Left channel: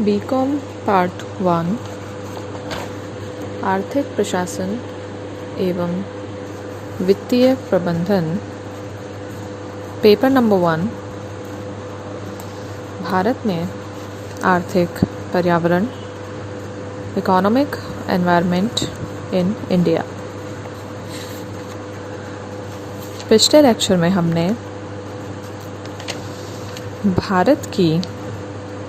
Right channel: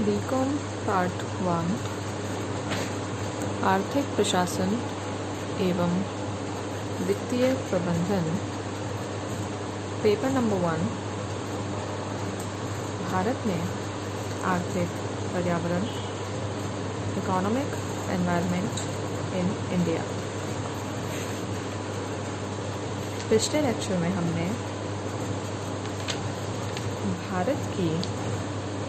BCom part 1 आर्थिक प्रशासन एवं वित्तीय प्रबंधन पेपर नंबर 1 भारत में आर्थिक पर्यावरण इकोनॉमिक एनवायरनमेंट इन इंडिया। पिछले लेक्चर में हमने भारत की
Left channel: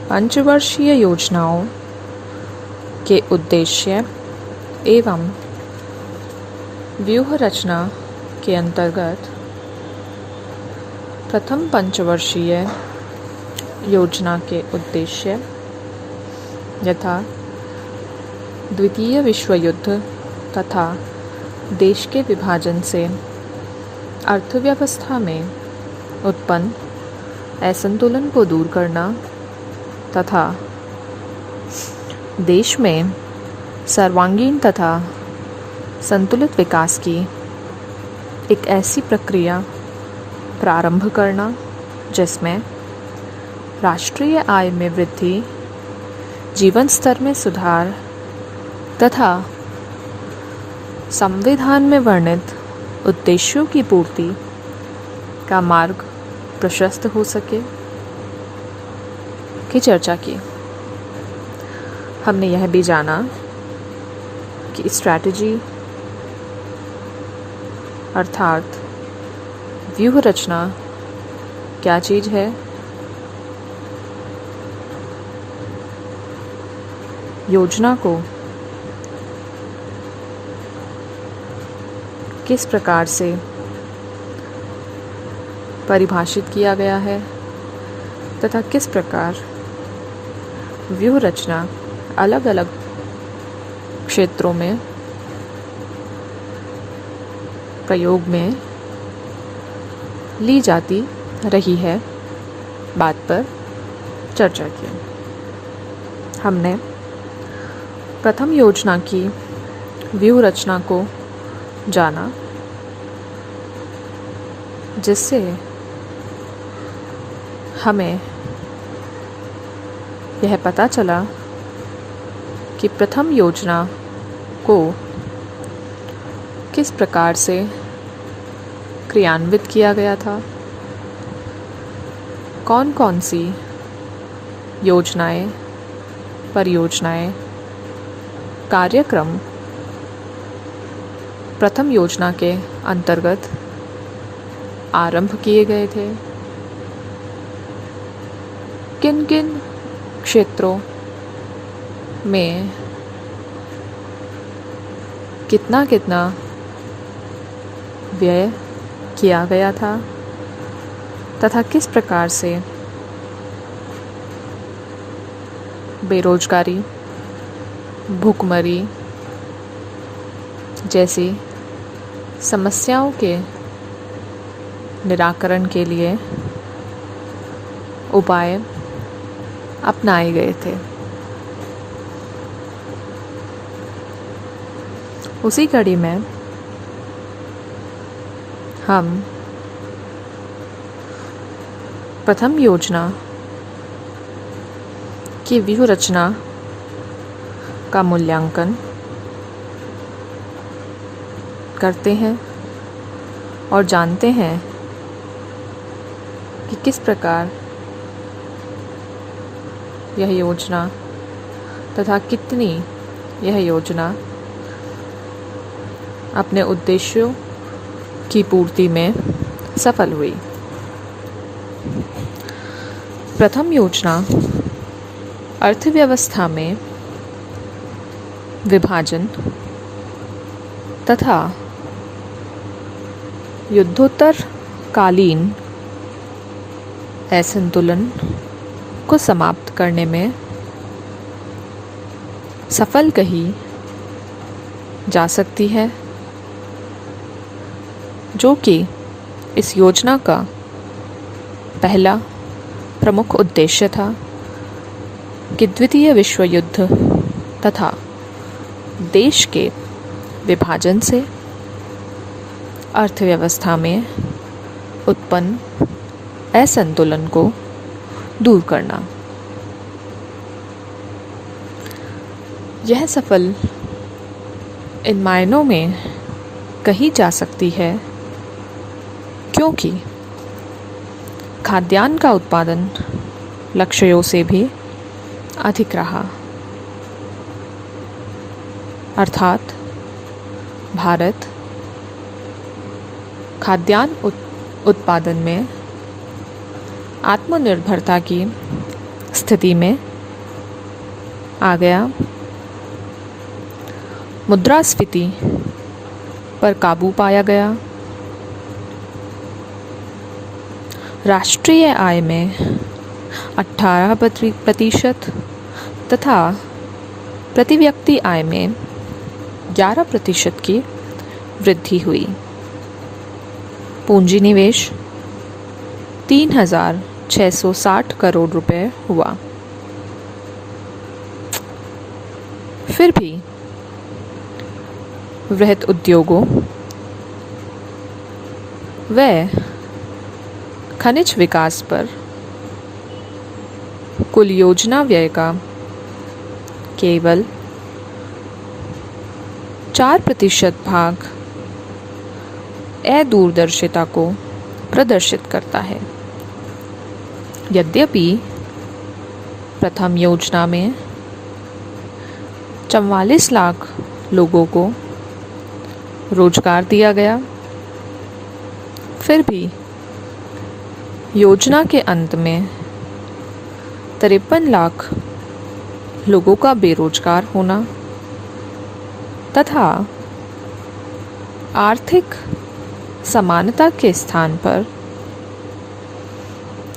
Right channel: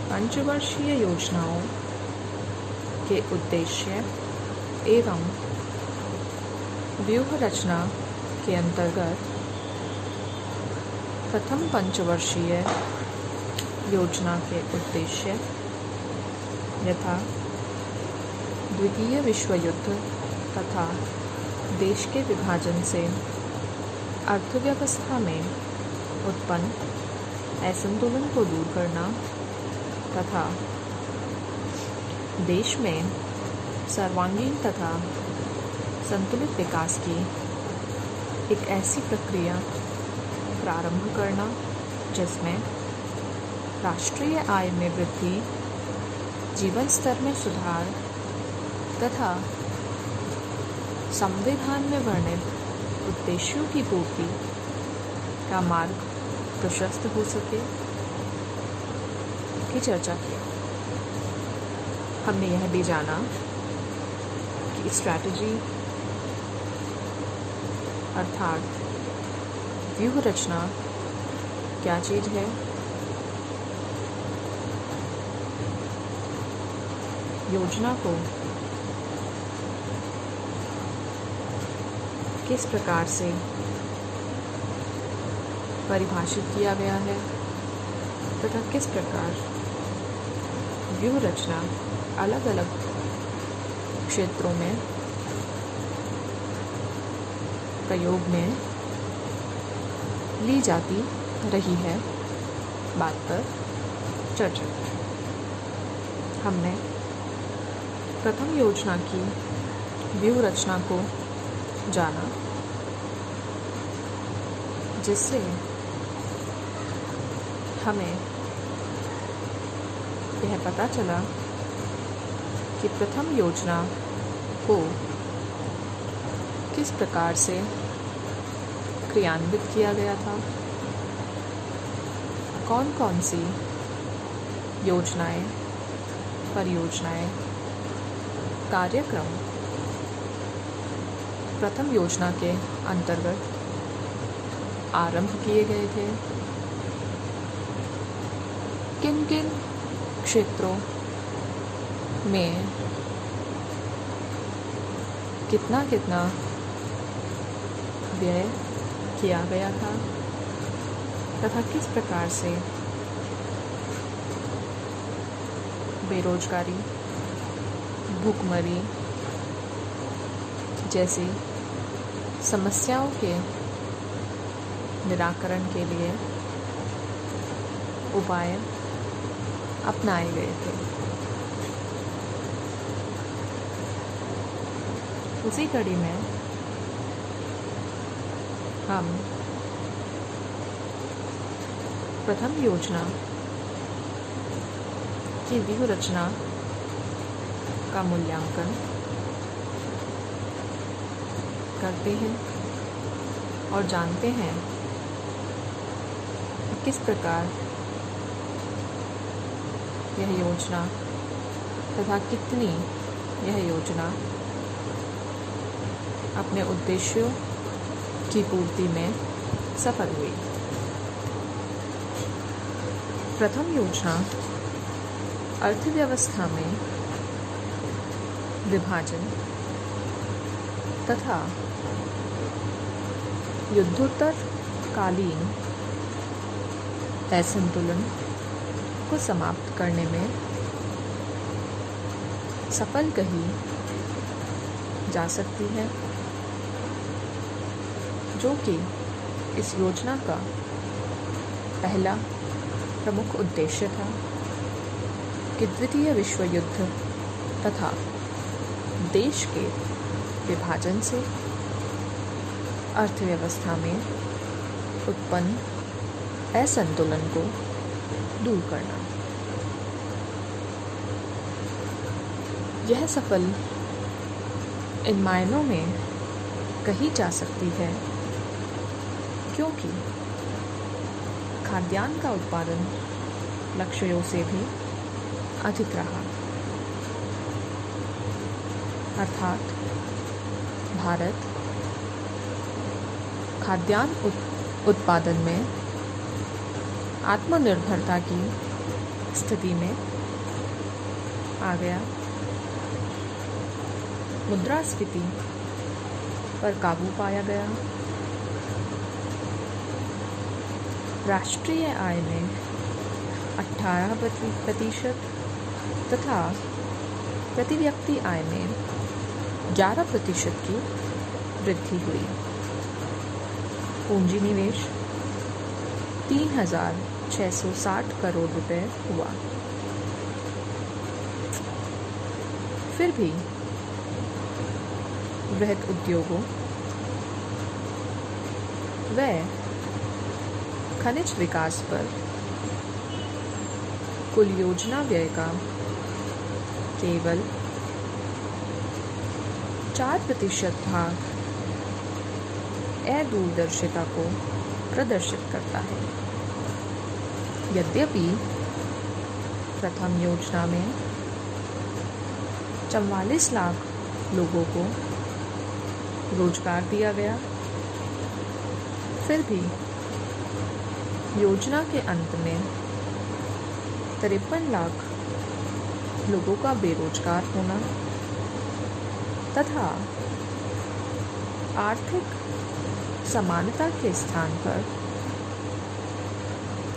पंचवर्षीय योजनाओं के उद्देश्य एवं व्यूह रचना के अंतर्गत प्रथम पंचवर्षीय योजना के उद्देश्य यथा द्वितीय विश्व युद्ध तथा देश के विभाजन से अर्थव्यवस्था में उत्पन्न असंतुलन को दूर करना तथा देश में सर्वांगीण तथा संतुलित विकास की एक ऐसी प्रक्रिया प्रारंभ करना जिसमें राष्ट्रीय आय में वृद्धि, जीवन स्तर में सुधार तथा संविधान में वर्णित उद्देश्यों की पूर्ति का मार्ग प्रशस्त हो सके की चर्चा की। हमने यह भी जाना कि स्ट्रैटेजी अर्थात व्यूह रचना क्या चीज़ है, योजना को किस प्रकार से परिभाषित किया गया है तथा किस प्रकार व्यूह रचना अलग अलग क्षेत्रों में प्रयोग में ली जाती रही है, बात पर चर्चा की। हमने प्रथम योजना की व्यूह रचना को जाना, जिससे हमें यह पता चला कि प्रथम योजना को किस प्रकार से क्रियान्वित किया गया था, कौन कौन सी योजनाएं, परियोजनाएं, कार्यक्रम प्रथम योजना के अंतर्गत आरंभ किए गए थे, किन किन क्षेत्रों में कितना कितना व्यय किया गया था तथा किस प्रकार से बेरोजगारी, भूखमरी जैसी समस्याओं के निराकरण के लिए उपाय अपनाए गए थे। उसी कड़ी में हम प्रथम योजना की व्यूह रचना का मूल्यांकन करते हैं और जानते हैं कि किस प्रकार यह योजना तथा कितनी यह योजना अपने उद्देश्यों की पूर्ति में सफल हुई। प्रथम योजना अर्थव्यवस्था में विभाजन तथा युद्धोत्तर कालीन असंतुलन को समाप्त करने में सफल कही जा सकती है, जो कि इस योजना का पहला प्रमुख उद्देश्य था कि द्वितीय विश्व युद्ध तथा देश के विभाजन से अर्थव्यवस्था में उत्पन्न असंतुलन को दूर करना। यह सफल इन मायनों में कही जा सकती है क्योंकि खाद्यान्न का उत्पादन लक्ष्यों से भी अधिक रहा, अर्थात भारत खाद्यान्न उत्पादन में आत्मनिर्भरता की स्थिति में आ गया। मुद्रास्फीति पर काबू पाया गया। राष्ट्रीय आय में 18% तथा प्रति व्यक्ति आय में 11% की वृद्धि हुई। पूंजी निवेश 3,660 करोड़ रुपए हुआ। फिर भी वृहत उद्योगों व खनिज विकास पर कुल योजना व्यय का केवल 4% भाग अदूरदर्शिता को प्रदर्शित करता है। यद्यपि प्रथम योजना में 44 लाख लोगों को रोजगार दिया गया, फिर भी योजना के अंत में 53 लाख लोगों का बेरोजगार होना तथा आर्थिक समानता के स्थान पर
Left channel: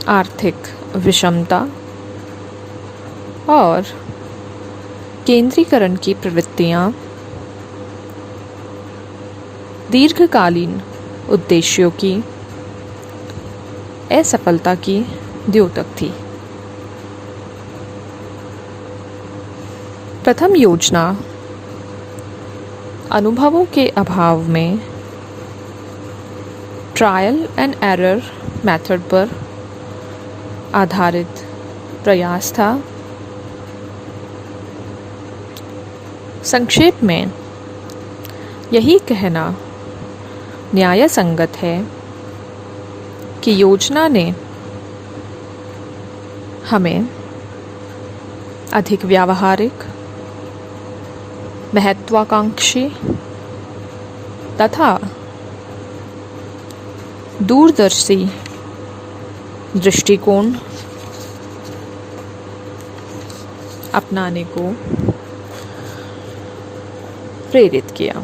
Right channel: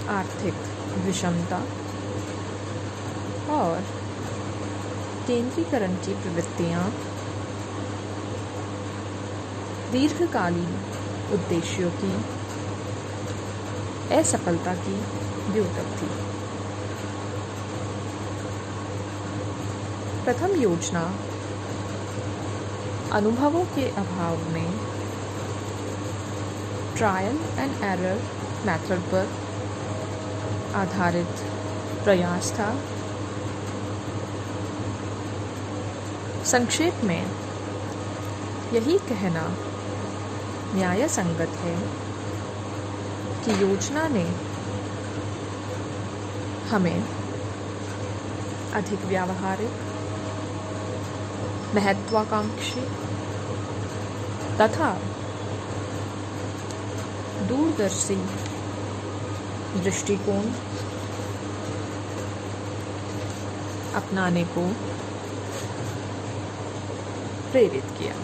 आर्थिक विषमता और केंद्रीकरण की प्रवृत्तियां दीर्घकालीन उद्देश्यों की असफलता की द्योतक थी। प्रथम योजना अनुभवों के अभाव में ट्रायल एंड एरर मेथड पर आधारित प्रयास था। संक्षेप में यही कहना न्याय संगत है कि योजना ने हमें अधिक व्यावहारिक, महत्वाकांक्षी तथा दूरदर्शी दृष्टिकोण अपनाने को प्रेरित किया।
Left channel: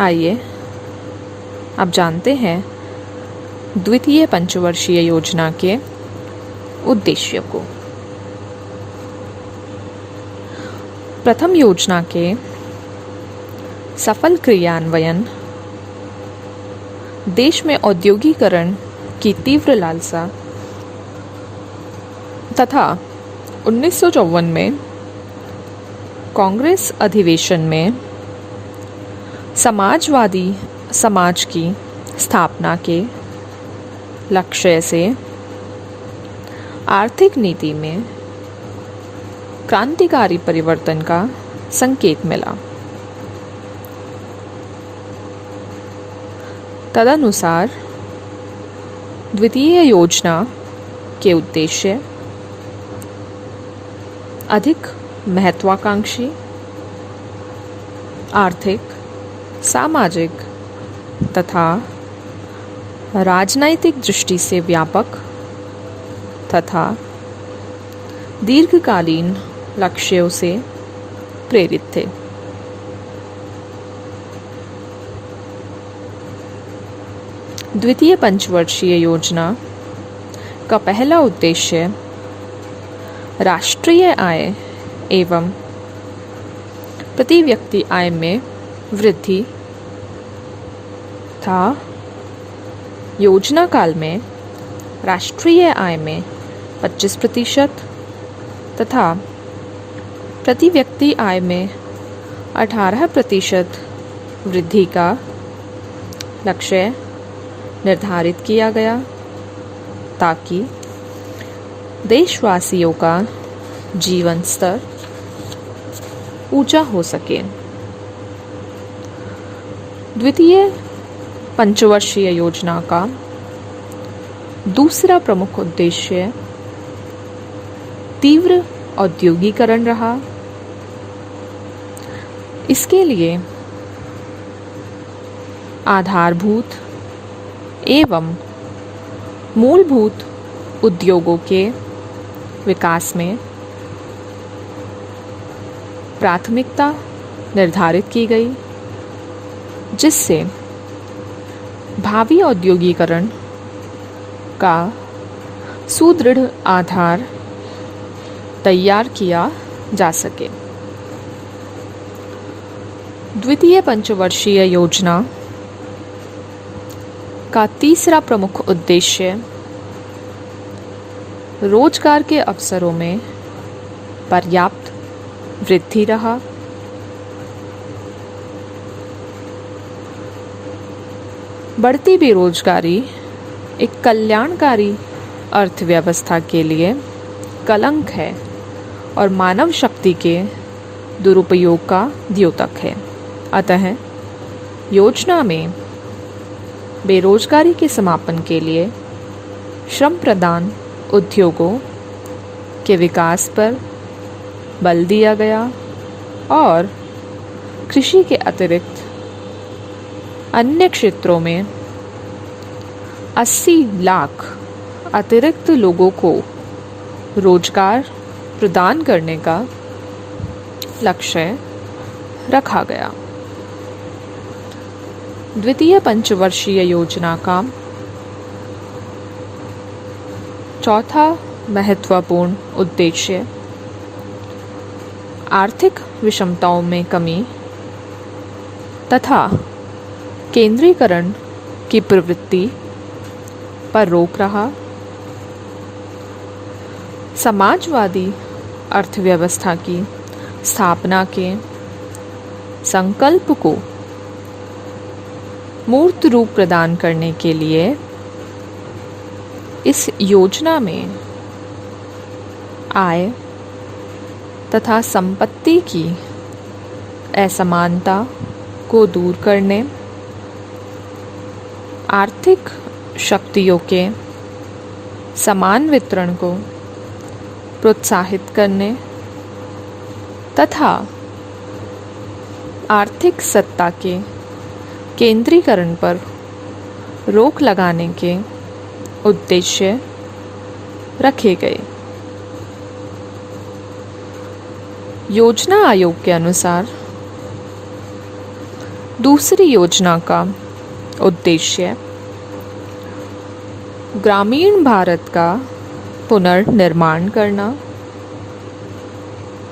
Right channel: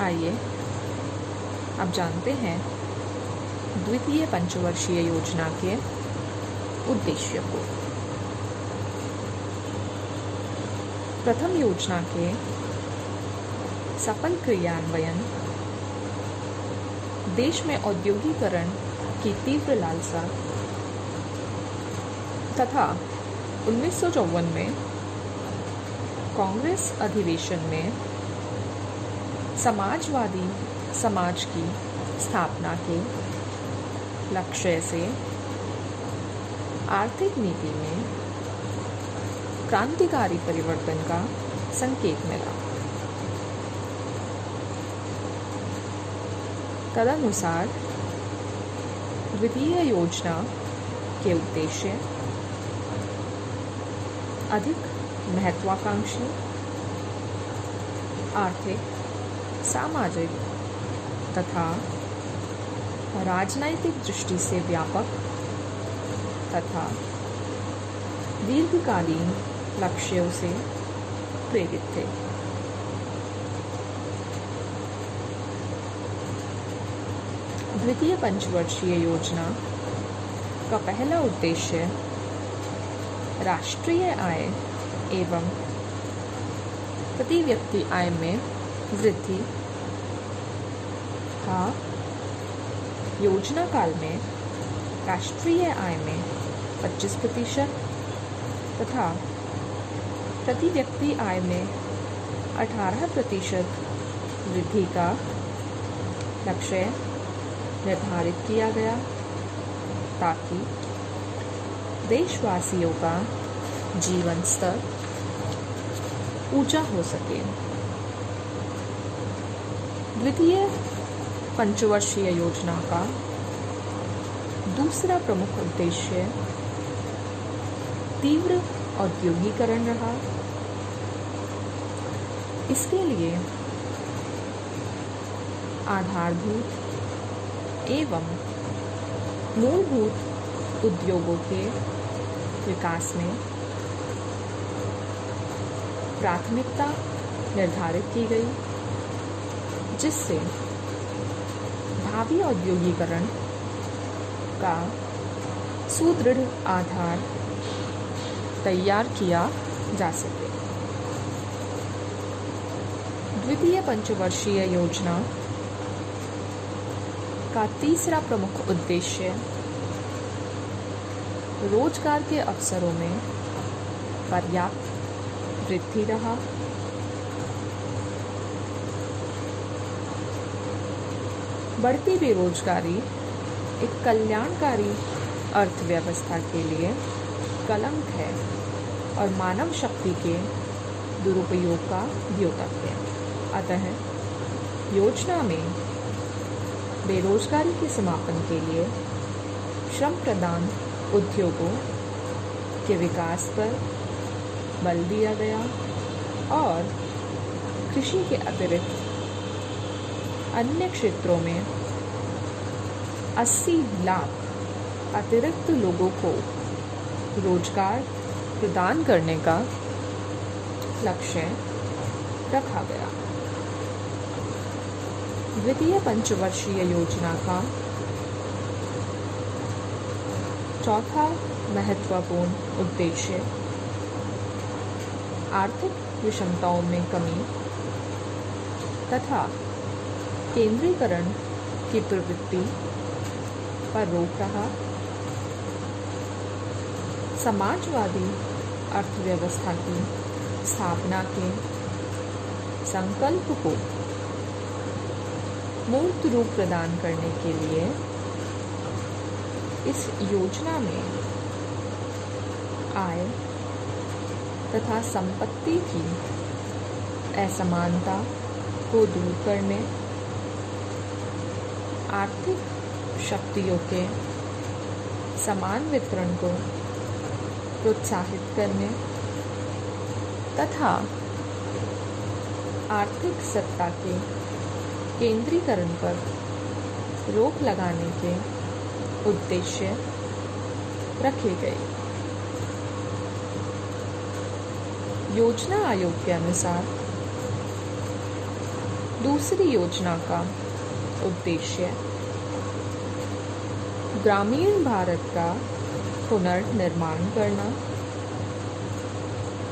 आइए अब जानते हैं द्वितीय पंचवर्षीय योजना के उद्देश्य को। प्रथम योजना के सफल क्रियान्वयन देश में औद्योगिकरण की तीव्र लालसा तथा 1954 में कांग्रेस अधिवेशन में समाजवादी समाज की स्थापना के लक्ष्य से आर्थिक नीति में क्रांतिकारी परिवर्तन का संकेत मिला। तदनुसार द्वितीय योजना के उद्देश्य अधिक महत्वाकांक्षी, आर्थिक, सामाजिक तथा राजनैतिक दृष्टि से व्यापक तथा दीर्घकालीन लक्ष्यों से प्रेरित थे। द्वितीय पंचवर्षीय योजना का पहला उद्देश्य राष्ट्रीय आय एवं प्रति व्यक्ति आय में वृद्धि था। योजना काल में राष्ट्रीय आय में 25% तथा प्रति व्यक्ति आय में 18% वृद्धि का लक्ष्य निर्धारित किया गया। ताकि देशवासियों का जीवन स्तर ऊंचा हो सके। द्वितीय पंचवर्षीय योजना का दूसरा प्रमुख उद्देश्य तीव्र औद्योगिकरण रहा। इसके लिए आधारभूत एवं मूलभूत उद्योगों के विकास में प्राथमिकता निर्धारित की गई, जिससे भावी औद्योगिकरण का सुदृढ़ आधार तैयार किया जा सके। द्वितीय पंचवर्षीय योजना का तीसरा प्रमुख उद्देश्य रोजगार के अवसरों में पर्याप्त वृद्धि रहा। बढ़ती बेरोजगारी एक कल्याणकारी अर्थव्यवस्था के लिए कलंक है और मानव शक्ति के दुरुपयोग का द्योतक है। अतः योजना में बेरोजगारी के समापन के लिए श्रम प्रदान उद्योगों के विकास पर बल दिया गया और कृषि के अतिरिक्त अन्य क्षेत्रों में 80 लाख अतिरिक्त लोगों को रोजगार प्रदान करने का लक्ष्य रखा गया। द्वितीय पंचवर्षीय योजना का चौथा महत्वपूर्ण उद्देश्य आर्थिक विषमताओं में कमी तथा केंद्रीकरण की प्रवृत्ति पर रोक रहा। समाजवादी अर्थव्यवस्था की स्थापना के संकल्प को मूर्त रूप प्रदान करने के लिए इस योजना में आय तथा संपत्ति की असमानता को दूर करने, आर्थिक शक्तियों के समान वितरण को प्रोत्साहित करने तथा आर्थिक सत्ता के केंद्रीकरण पर रोक लगाने के उद्देश्य रखे गए। योजना आयोग के अनुसार दूसरी योजना का उद्देश्य ग्रामीण भारत का पुनर्निर्माण करना,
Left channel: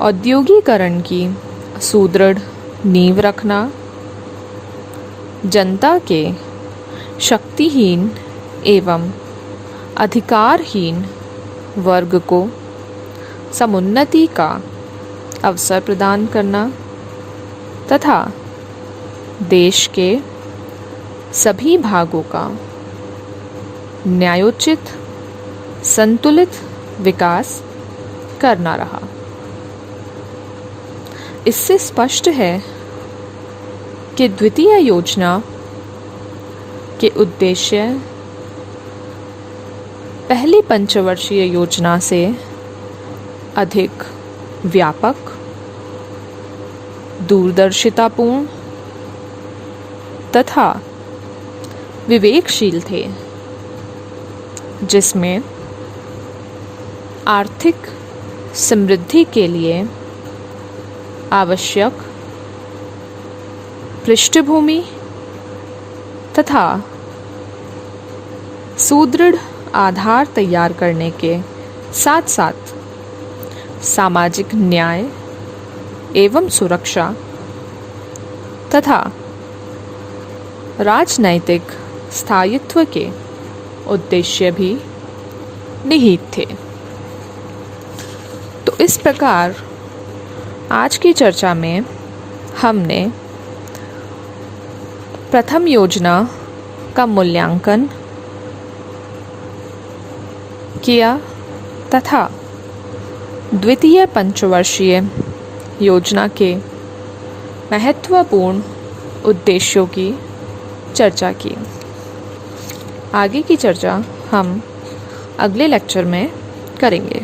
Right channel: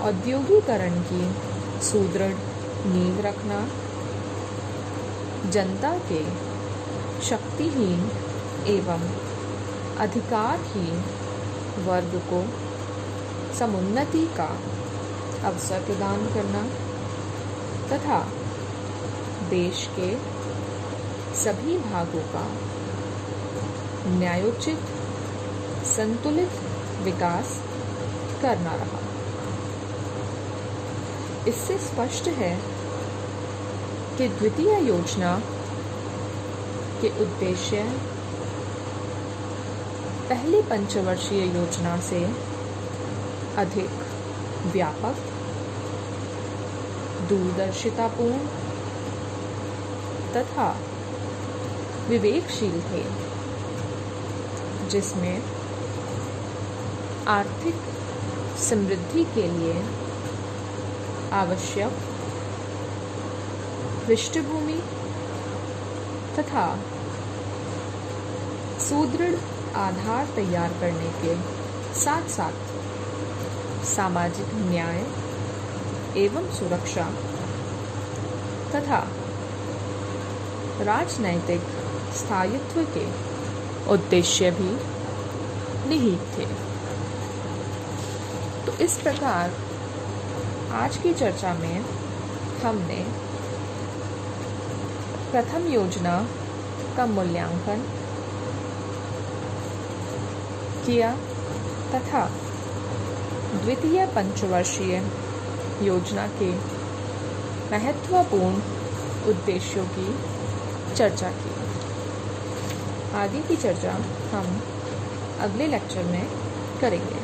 औद्योगिकरण की सुदृढ़ नींव रखना, जनता के शक्तिहीन एवं अधिकारहीन वर्ग को समुन्नति का अवसर प्रदान करना तथा देश के सभी भागों का न्यायोचित संतुलित विकास करना रहा। इससे स्पष्ट है कि द्वितीय योजना के उद्देश्य पहली पंचवर्षीय योजना से अधिक व्यापक, दूरदर्शितापूर्ण तथा विवेकशील थे, जिसमें आर्थिक समृद्धि के लिए आवश्यक पृष्ठभूमि तथा सुदृढ़ आधार तैयार करने के साथ साथ सामाजिक न्याय एवं सुरक्षा तथा राजनैतिक स्थायित्व के उद्देश्य भी निहित थे। तो इस प्रकार आज की चर्चा में हमने प्रथम योजना का मूल्यांकन किया तथा द्वितीय पंचवर्षीय योजना के महत्वपूर्ण उद्देश्यों की चर्चा की। आगे की चर्चा हम अगले लेक्चर में करेंगे।